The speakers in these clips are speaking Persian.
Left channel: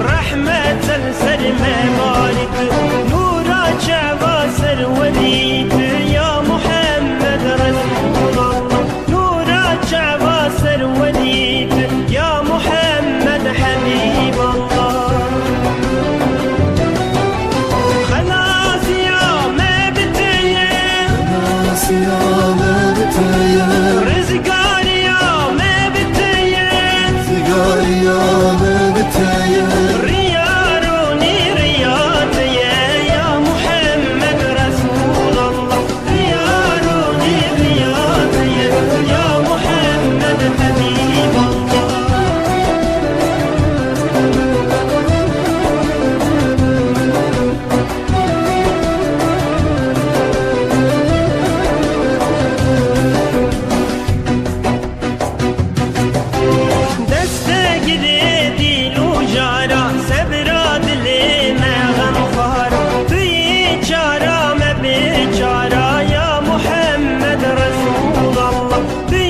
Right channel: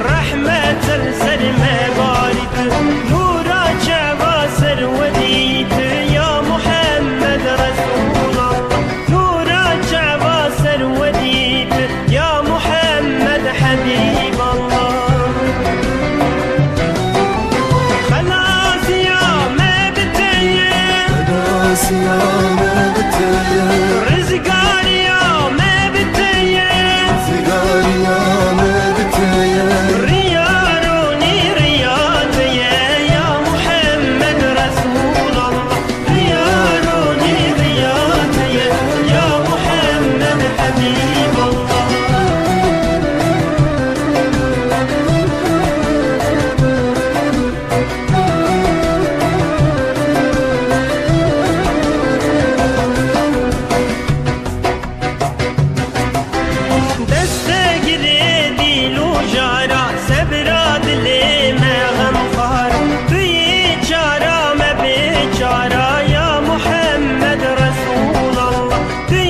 رحمة السلمى بارت نورا جوا سروديت يا محمد رسول الله نورا جوا سروديت يا محمد حبيب الله خلاص يا ما بتيا خلاص يا ما بتيا رزقار يا ما بتيا رزقار يا ما بتيا رياروني رياتيا يا محمد رسول الله رياروني رياتيا يا محمد حبيب الله سبراد لي ما غم خارا في چارا ما بچارا يا محمد رسول الله في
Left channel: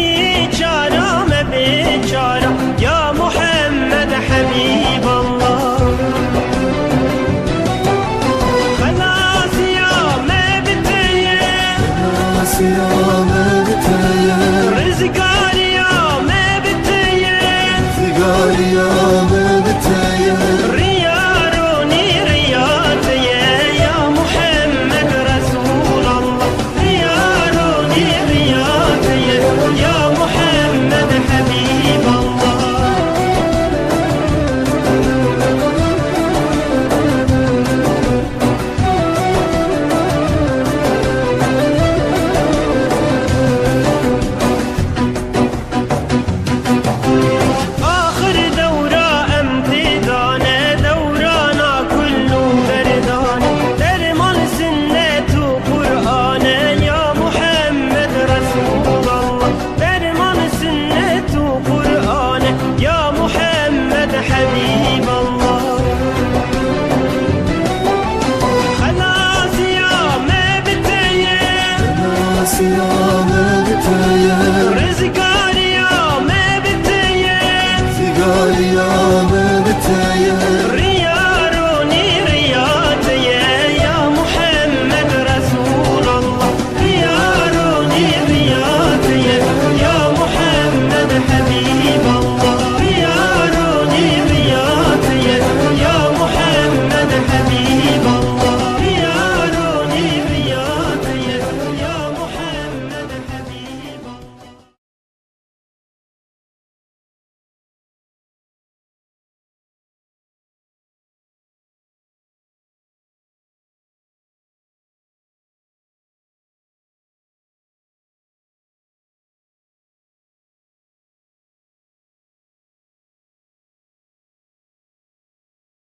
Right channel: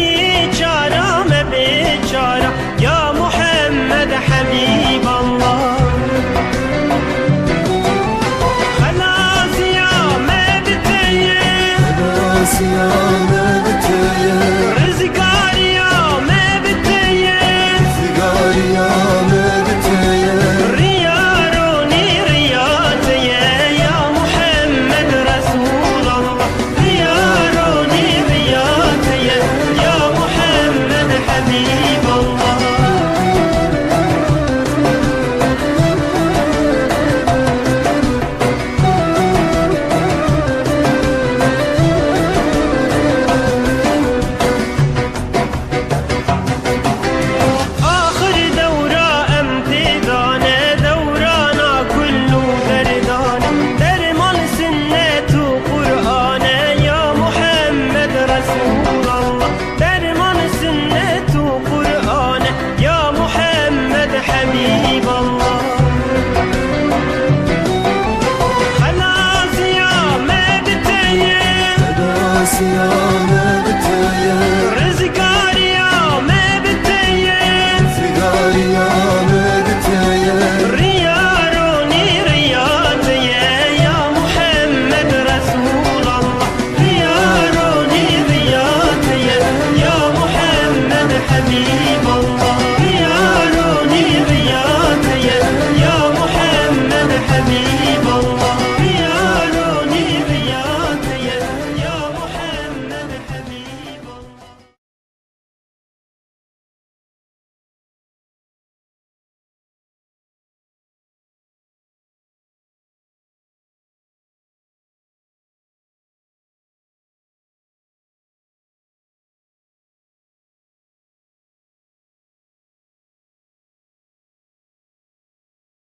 چارا ما بچارا يا محمد حبيب الله خلاص يا ما بتيا خلاص يا ما بتيا رزقار يا ما بتيا رزقار يا ما رسول الله درمان سنة وقرآن يا محمد حبيب الله خلاص يا ما بتيا خلاص يا ما بتيا رزقار يا ما بتيا رزقار يا ما بتيا رياروني رياتيا يا محمد رسول الله رياروني يا محمد حبيب